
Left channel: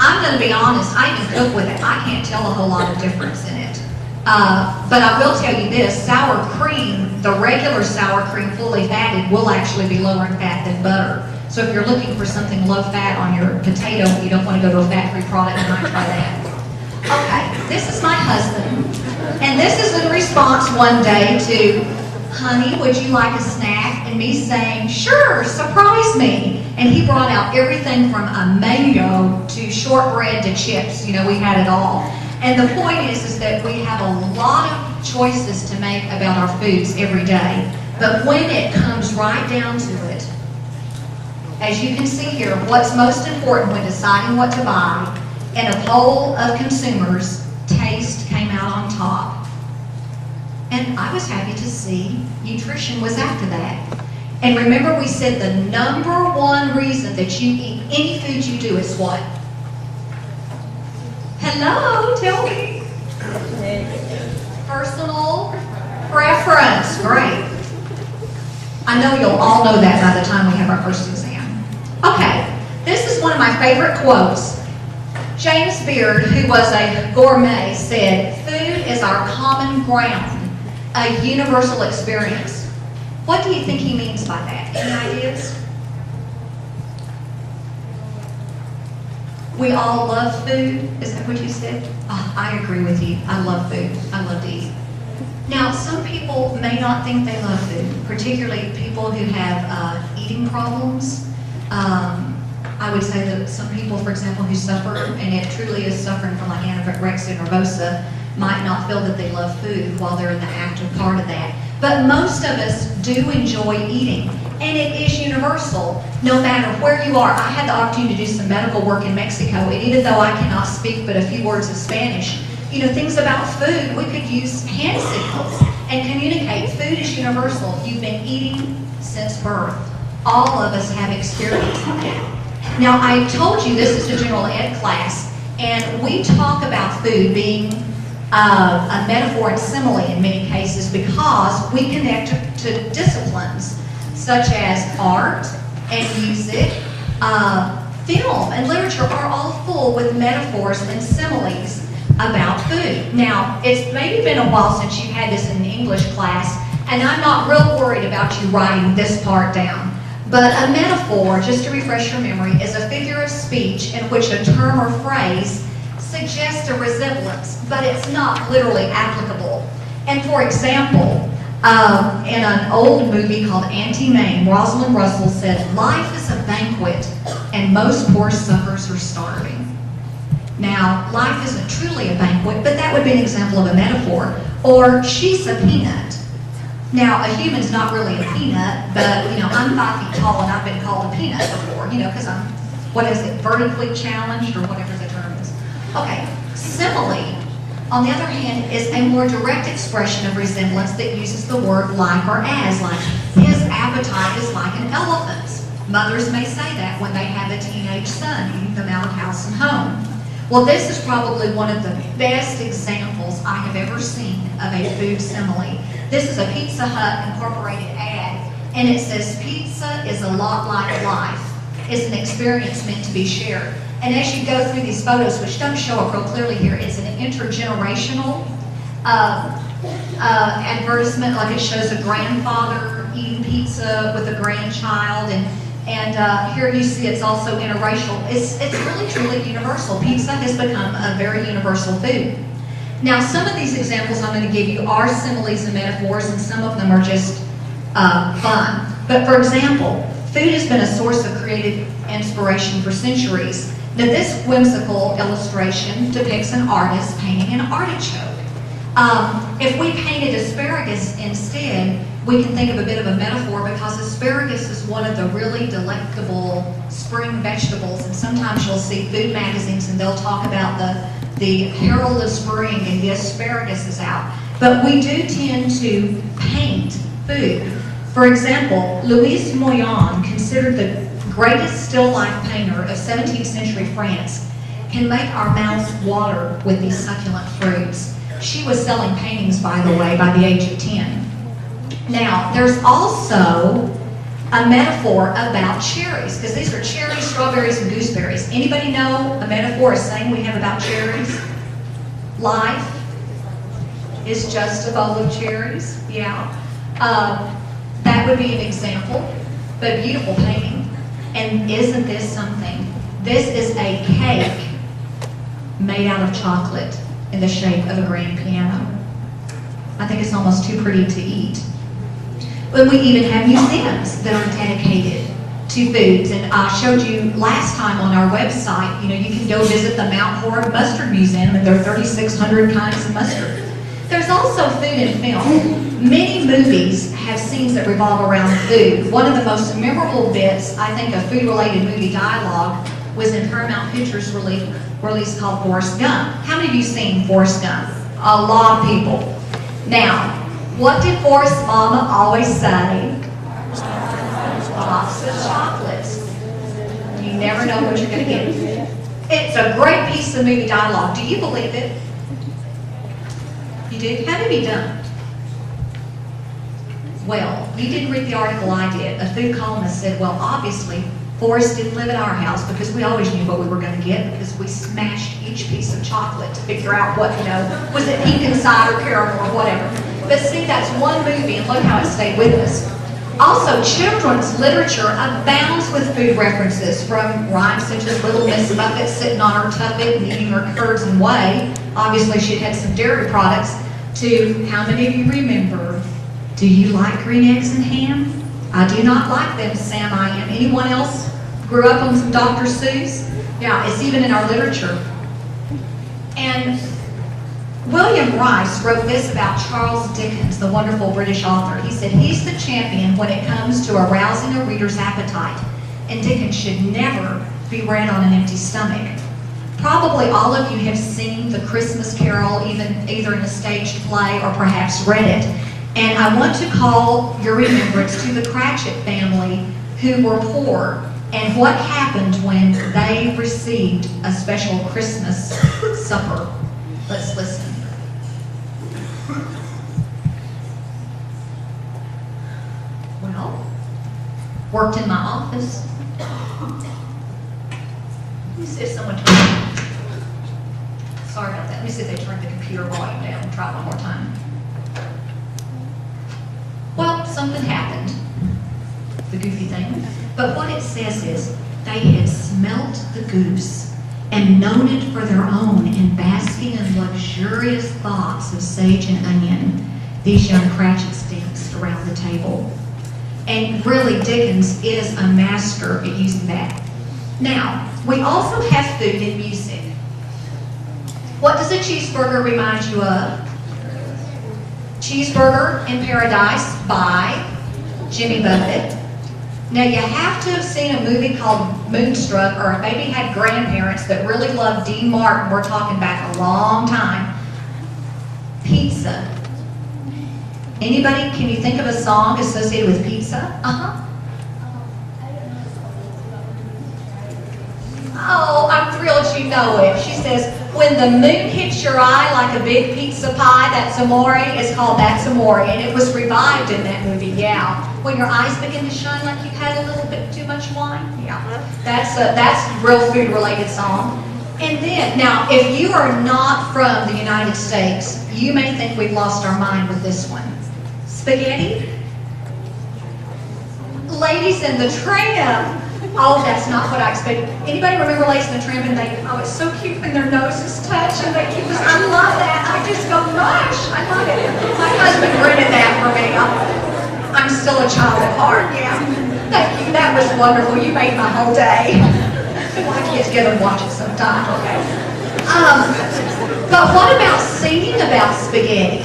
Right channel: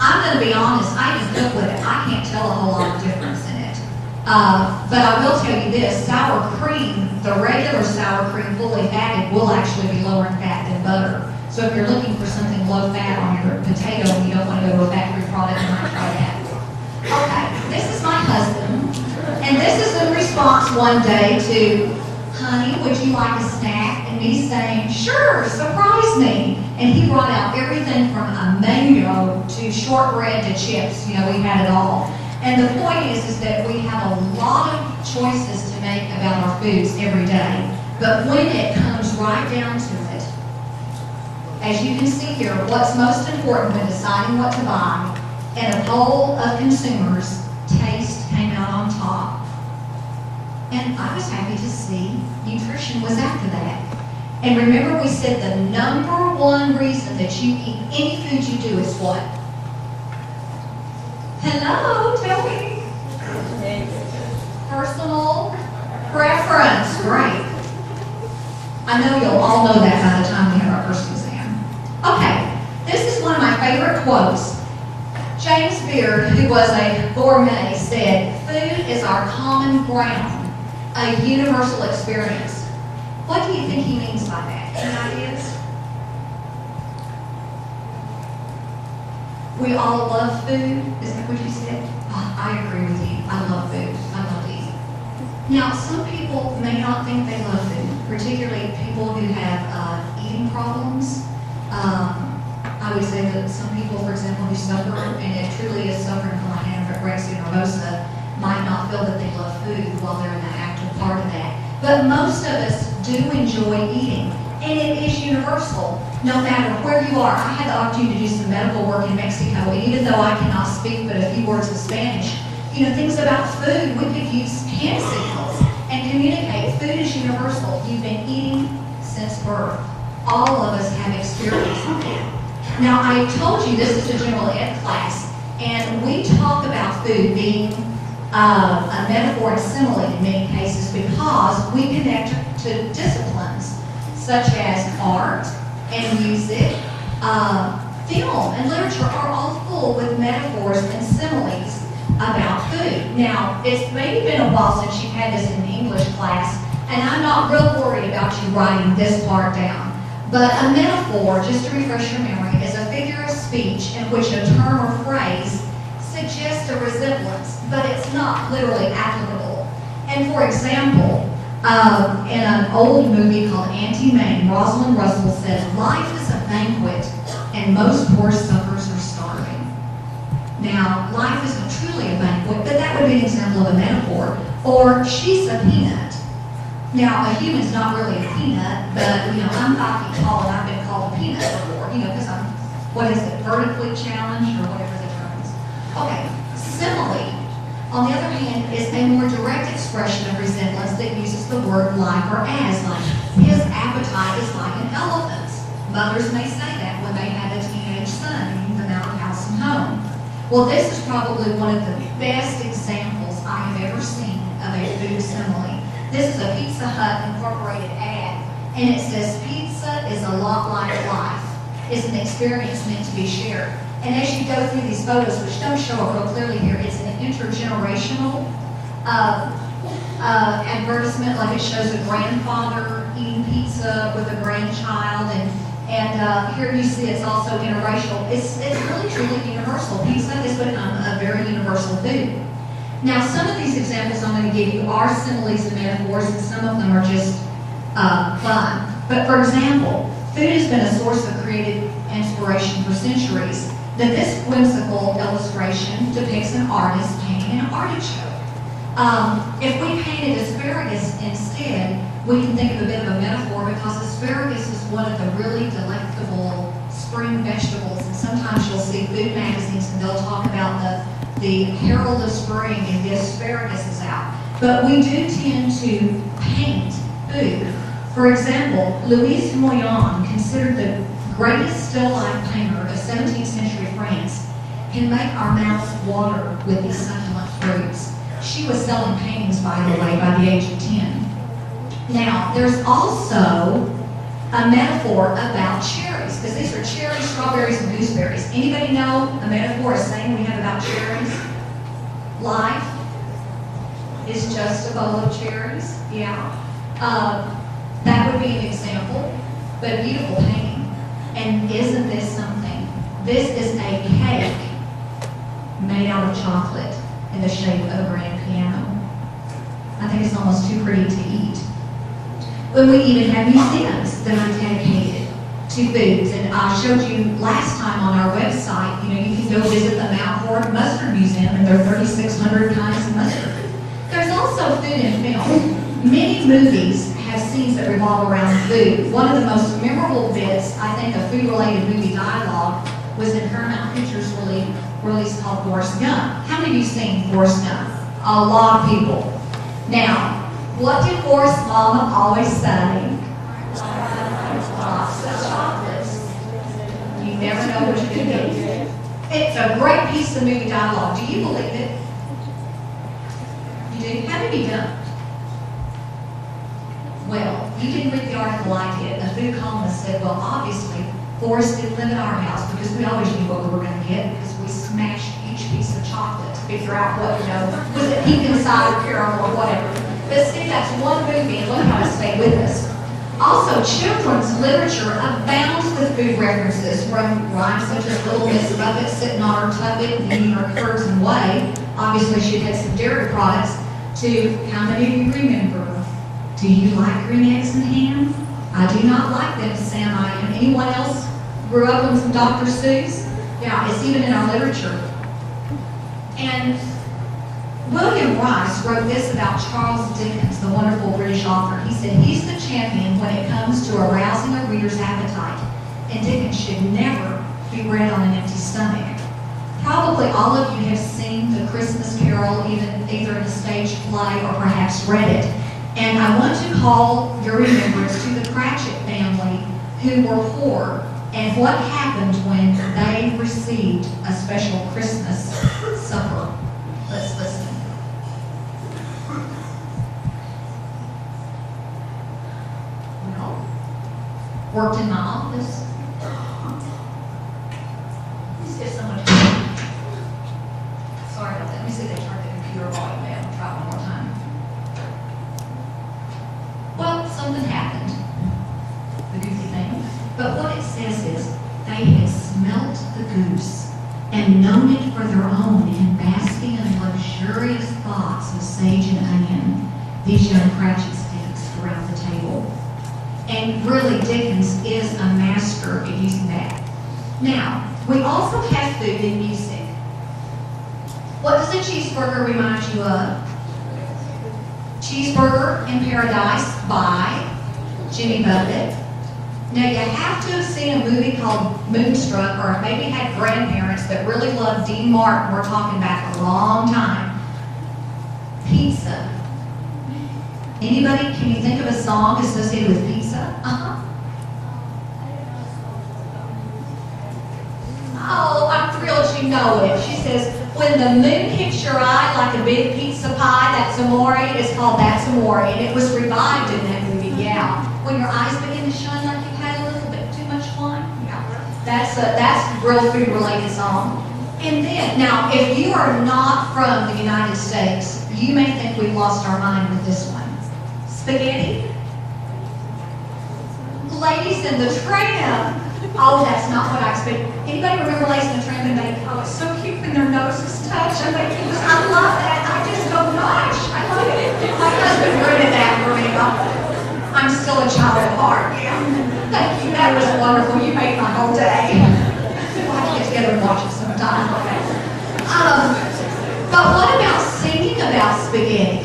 I'm going to be honest, I even cook with it. I can't tell a whole lot of difference in it. But I will tell you this, sour cream, the regular sour cream fully fatted will actually be lower in fat than butter. So if you're looking for something low fat on your potato and you don't want to go to a fat-free product, you might try that. Okay, this is my husband, and this is in response one day to, honey, would you like a snack? And me saying, sure, surprise me. And he brought out everything from a mango to shortbread to chips. You know, we had it all. And the point is that we have a lot of choices to make about our foods every day. But when it comes right down to it, as you can see here, what's most important when deciding what to buy, in a poll of consumers, taste came out on top. And I was happy to see nutrition was after that. And remember, we said the number one reason that you eat any food you do is what? Hello, tell me. Personal preference. Great. I know you'll all know that by the time we have our first exam. Okay, this is one of my favorite quotes. James Beard, who was a gourmet, said, food is our common ground, a universal experience. What do you think he means by that? Any ideas? We all love food. Is that what you said? Oh, I agree with you. I love food. I love to eat. Now, some people may not think they love food, particularly people who have eating problems. I would say that some people, for example, who suffer, and it truly is suffering from like anorexia nervosa, might not feel that they love food while they're in the active part of that. But most of us do enjoy eating, and it is universal, no matter where you are. I had the opportunity to do some medical work in Mexico, and even though I cannot speak but a few words of Spanish, you know, things about food, we could use hand signals and communicate. Food is universal. You've been eating since birth. All of us have experience in that. Now, I told you this is a general ed class, and we talk about food being a metaphor and simile in many cases because we connect to disciplines such as art and music, film and literature are all full with metaphors and similes about food. Now, it's maybe been a while since you've had this in an English class, and I'm not real worried about you writing this part down. But a metaphor, just to refresh your memory, is a figure of speech in which a term or phrase suggests a resemblance, but it's not literally applicable. And for example, in an old movie called Auntie Mame, Rosalind Russell said, "Life is a banquet, and most poor suckers are starving." Now, life isn't truly a banquet, but that would be an example of a metaphor. Or, she's a peanut. Now, a human's not really a peanut, but, you know, I'm 5 feet tall and I've been called a peanut before, you know, because I'm, what is it, vertically challenged or whatever the term is. Okay, simile, on the other hand, is a more direct expression of resemblance that uses the word like or as, like, his appetite is like an elephant's. Mothers may say that when they have a teenage son, eating them out of house and home. Well, this is probably one of the best examples I have ever seen of a food simile. This is a Pizza Hut Incorporated ad, and it says, "Pizza is a lot like life. It's an experience meant to be shared." And as you go through these photos, which don't show up real clearly here, it's an intergenerational advertisement, like it shows a grandfather eating pizza with a grandchild, and here you see it's also interracial. It's really, truly universal. Pizza has become a very universal food. Now, some of these examples I'm going to give you are similes and metaphors, and some of them are just fun. But for example, food has been a source of creative inspiration for centuries. Now, this whimsical illustration depicts an artist painting an artichoke. If we painted asparagus instead, we can think of a bit of a metaphor because asparagus is one of the really delectable spring vegetables, and sometimes you'll see food magazines and they'll talk about the herald of spring and the asparagus is out. But we do tend to paint food. For example, Louise Moyon, considered the greatest still life painter of 17th century France, can make our mouths water with these succulent fruits. She was selling paintings, by the way, by the age of 10. Now, there's also a metaphor about cherries, because these are cherries, strawberries, and gooseberries. Anybody know a metaphor, a saying we have about cherries? Life is just a bowl of cherries. Yeah. That would be an example, but beautiful painting. And isn't this something? This is a cake made out of chocolate in the shape of a grand piano. I think it's almost too pretty to eat. And we even have museums that are dedicated to foods. And I showed you last time on our website, you know, you can go visit the Mount Horeb Mustard Museum, and there are 3,600 kinds of mustard. There's also food in film. Many movies have scenes that revolve around food. One of the most memorable bits, I think, of food-related movie dialogue was in Paramount Pictures release called Forrest Gump. How many of you seen Forrest Gump? A lot of people. Now, what did Forrest's mama always say? Lots of chocolates. You never know what you're going to get. It's a great piece of movie dialogue. Do you believe it? You do? How did he done? Well, you didn't read the article I did. A food columnist said, well, obviously, Forrest didn't live at our house because we always knew what we were going to get because we smashed each each piece of chocolate to figure out what, was it pecan cider caramel or whatever. But see, that's one movie, and look how it stayed with us. Also, children's literature abounds with food references, from rhymes such as Little Miss Muffet sitting on her tuffet and eating her curds and whey. Obviously, she had some dairy products. To, how many of you remember, do you like green eggs and ham? I do not like them, Sam, I am. Anyone else grew up on some Dr. Seuss? Yeah, it's even in our literature. And William Rice wrote this about Charles Dickens, the wonderful British author. He said, he's the champion when it comes to arousing a reader's appetite, and Dickens should never be read on an empty stomach. Probably all of you have seen The Christmas Carol, either in a staged play or perhaps read it. And I want to call your remembrance to the Cratchit family, who were poor, and what happened when they received a special Christmas supper. Let's listen. Well, worked in my office. Let me see if someone turned. Sorry about that. Let me see if they turned the computer volume down. Try it one more time. Well, something happened. The goofy thing. But what it says is, they had smelt the goose and known it for their own in basking in luxurious thoughts of sage and onion. These young Cratchits danced around the table. And really, Dickens is a master at using that. Now, we also have food and music. What does a cheeseburger remind you of? Cheeseburger in Paradise by Jimmy Buffett. Now, you have to have seen a movie called Moonstruck, or maybe had grandparents that really loved Dean Martin. We're talking back a long time. Pizza. Anybody, can you think of a song associated with pizza? Oh, I'm thrilled you know it. She says, when the moon hits your eye like a big pizza pie, that's amore. It's called That's Amore, and it was revived in that movie, yeah. When your eyes begin to shine like you've had a little bit too much wine, yeah. That's a real food-related song. And then, now, if you are not from the United States, you may think we've lost our mind with this one. Spaghetti? Ladies in the Tramp. Oh, that's not what I expected. Anybody remember Ladies in the Tramp? And it's so cute when their noses touch. And I love that. I just go, gosh, I love it. My husband rented that for me. I'm still a child at heart, yeah. Thank you, that was wonderful. You made my whole day. We'll have to get together and watch it sometime, okay? But what about singing about spaghetti?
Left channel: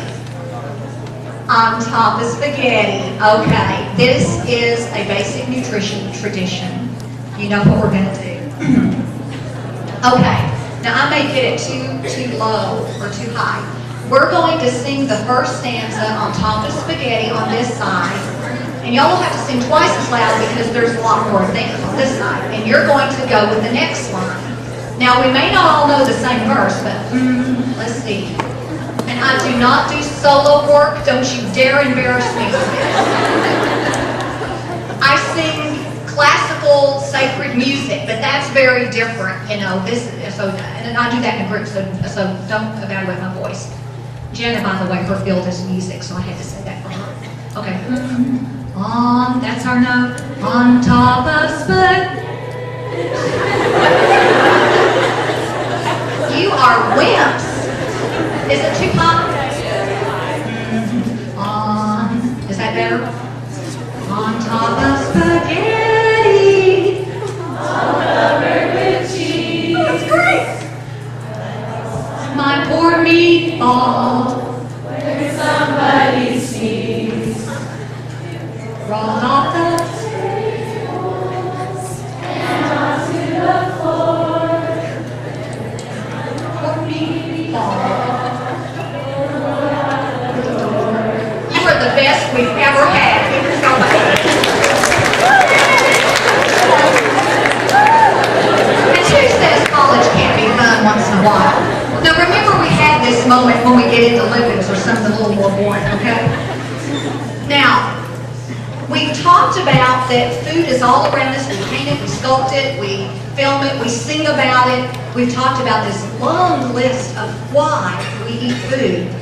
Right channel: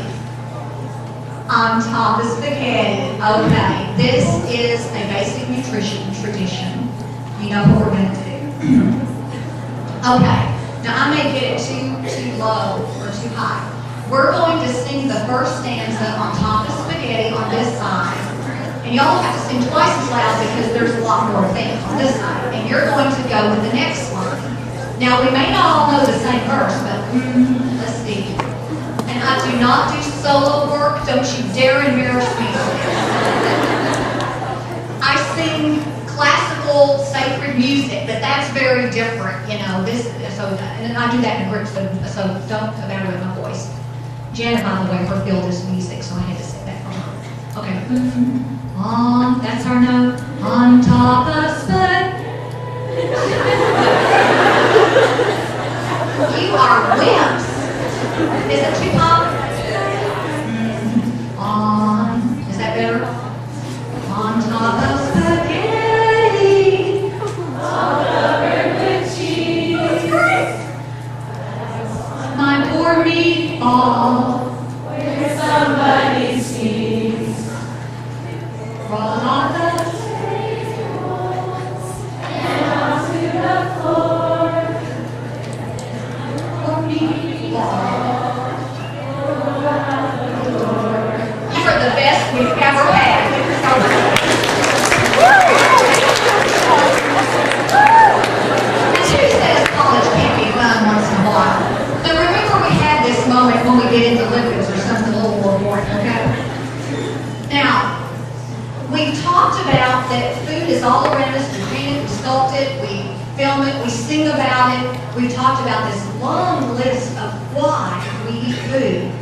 On top of spaghetti. Okay, this is a basic nutrition tradition. You know what we're gonna do. Okay, now I may get it too low or too high. We're going to sing the first stanza on top of spaghetti on this side, and y'all will have to sing twice as loud because there's a lot more things on this side, and you're going to go with the next line. Now, we may not all know the same verse, but let's see. And I do not do solo work. Don't you dare embarrass me with this. I sing classical sacred music, but that's very different, and I do that in a group, so don't evaluate my voice. Jenna, by the way, her field is music, so I had to say that for her. Okay. That's our note. On top of split. You are wimps. Is it too high? Is that better? On top of spaghetti. All covered with cheese. That's great. My poor meatball, where somebody sees, rolled off the tables and onto the floor. Poor meatball, you are the best we've ever had. Give yourself a hand. And who says college can't be fun once in a while? Now remember, we had this moment when we get into Olympics or something a little more boring, okay? Now, we've talked about that food is all around us. We paint it, we sculpt it, we film it, we sing about it. We've talked about this long list of why we eat food.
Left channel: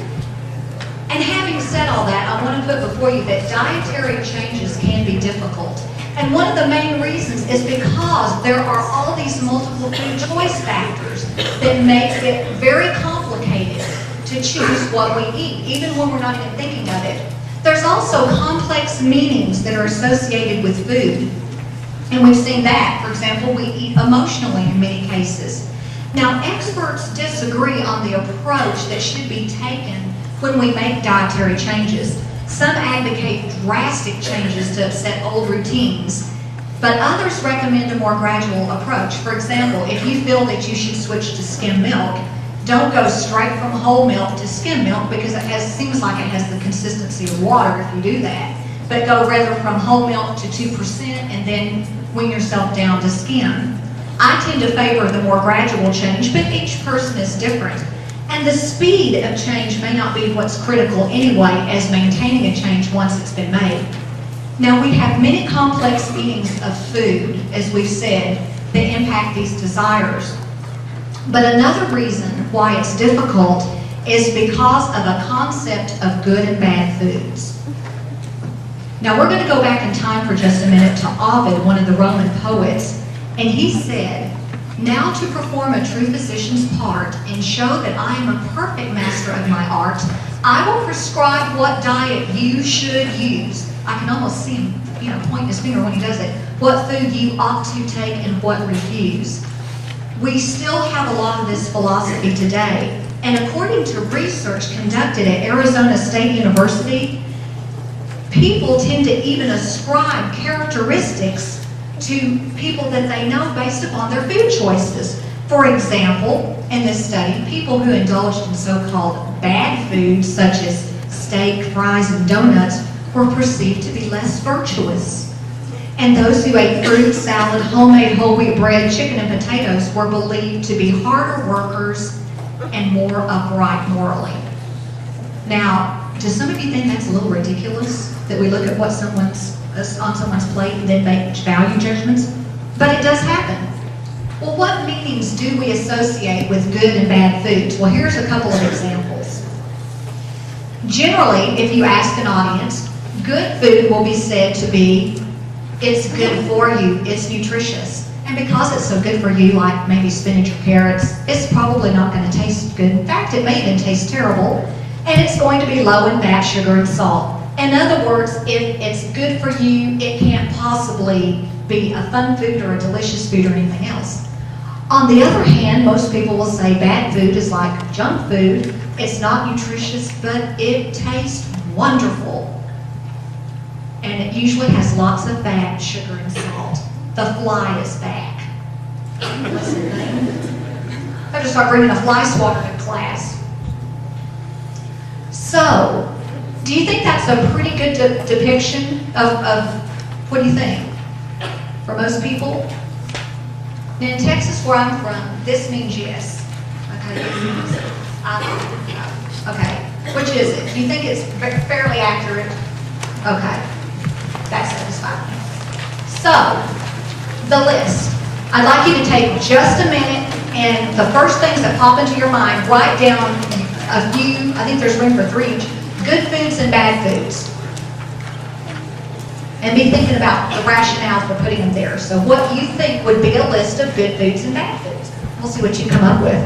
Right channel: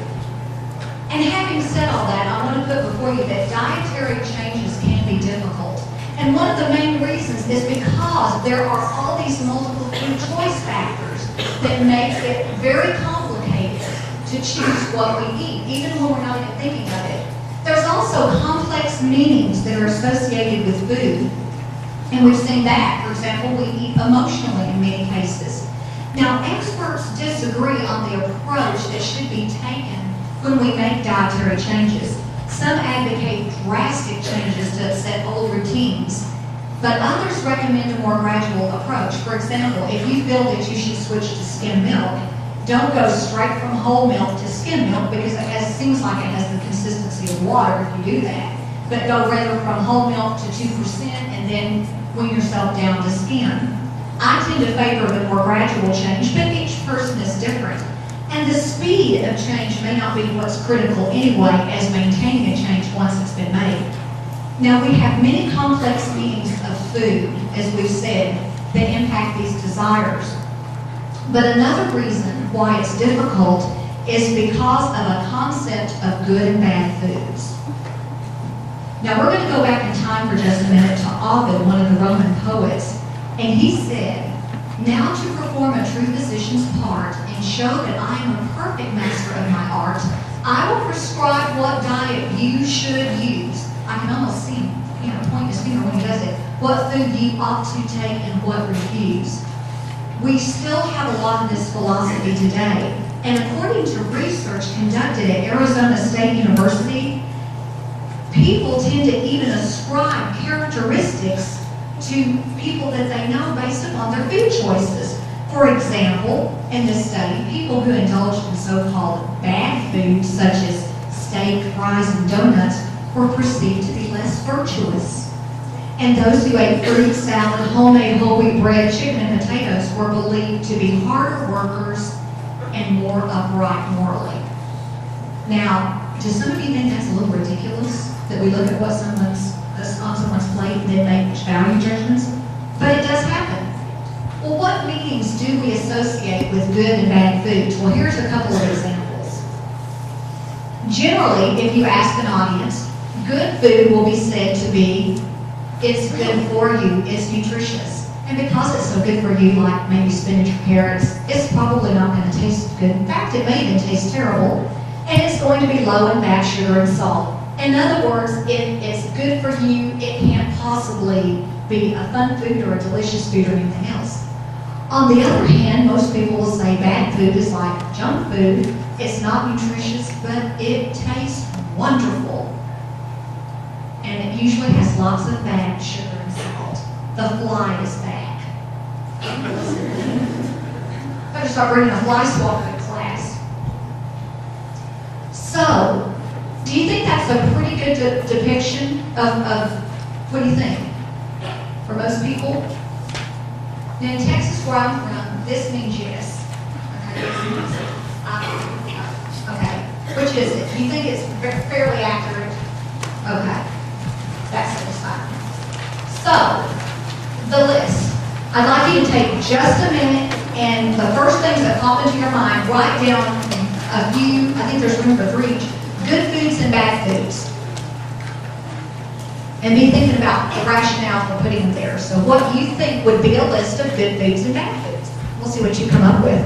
And having said all that, I want to put before you that dietary changes can be difficult. And one of the main reasons is because there are all these multiple food choice factors that makes it very complicated to choose what we eat, even when we're not even thinking of it. There's also complex meanings that are associated with food. And we've seen that. For example, we eat emotionally in many cases. Now, experts disagree on the approach that should be taken when we make dietary changes. Some advocate drastic changes to upset old routines, but others recommend a more gradual approach. For example, if you feel that you should switch to skim milk, don't go straight from whole milk to skim milk because it seems like it has the consistency of water if you do that. But go rather from whole milk to 2% and then wean yourself down to skim. I tend to favor the more gradual change, but each person is different. And the speed of change may not be what's critical anyway as maintaining a change once it's been made. Now, we have many complex meanings of food, as we've said, that impact these desires. But another reason why it's difficult is because of a concept of good and bad foods. Now, we're going to go back in time for just a minute to Ovid, one of the Roman poets, and he said, "Now to perform a true physician's part and show that I am a perfect master of my art, I will prescribe what diet you should use." I can almost see him, pointing his finger when he does it. "What food you ought to take and what refuse." We still have a lot of this philosophy today, and according to research conducted at Arizona State University, people tend to even ascribe characteristics to people that they know based upon their food choices. For example, in this study, people who indulged in so-called bad foods such as steak, fries, and donuts were perceived to be less virtuous. And those who ate fruit, salad, homemade whole wheat bread, chicken, and potatoes were believed to be harder workers and more upright morally. Now, do some of you think that's a little ridiculous, that we look at what's on someone's plate and then make value judgments? But it does happen. Well, what meanings do we associate with good and bad foods? Well, here's a couple of examples. Generally, if you ask an audience, good food will be said to be, it's good for you, it's nutritious. And because it's so good for you, like maybe spinach or carrots, it's probably not going to taste good. In fact, it may even taste terrible. And it's going to be low in fat, sugar, and salt. In other words, if it's good for you, it can't possibly be a fun food or a delicious food or anything else. On the other hand, most people will say bad food is like junk food. It's not nutritious, but it tastes wonderful. And it usually has lots of fat, sugar, and salt. The fly is back. I have to start bringing a fly swatter to class. So, do you think that's a pretty good depiction of what do you think? For most people? Now in Texas where I'm from, this means yes. Okay, this means okay. Which is it? Do you think it's fairly accurate? Okay, that's satisfying. So, the list. I'd like you to take just a minute and the first things that pop into your mind, write down a few, I think there's room for 3 each, good foods and bad foods. And be thinking about the rationale for putting them there. So what you think would be a list of good foods and bad foods. We'll see what you come up with.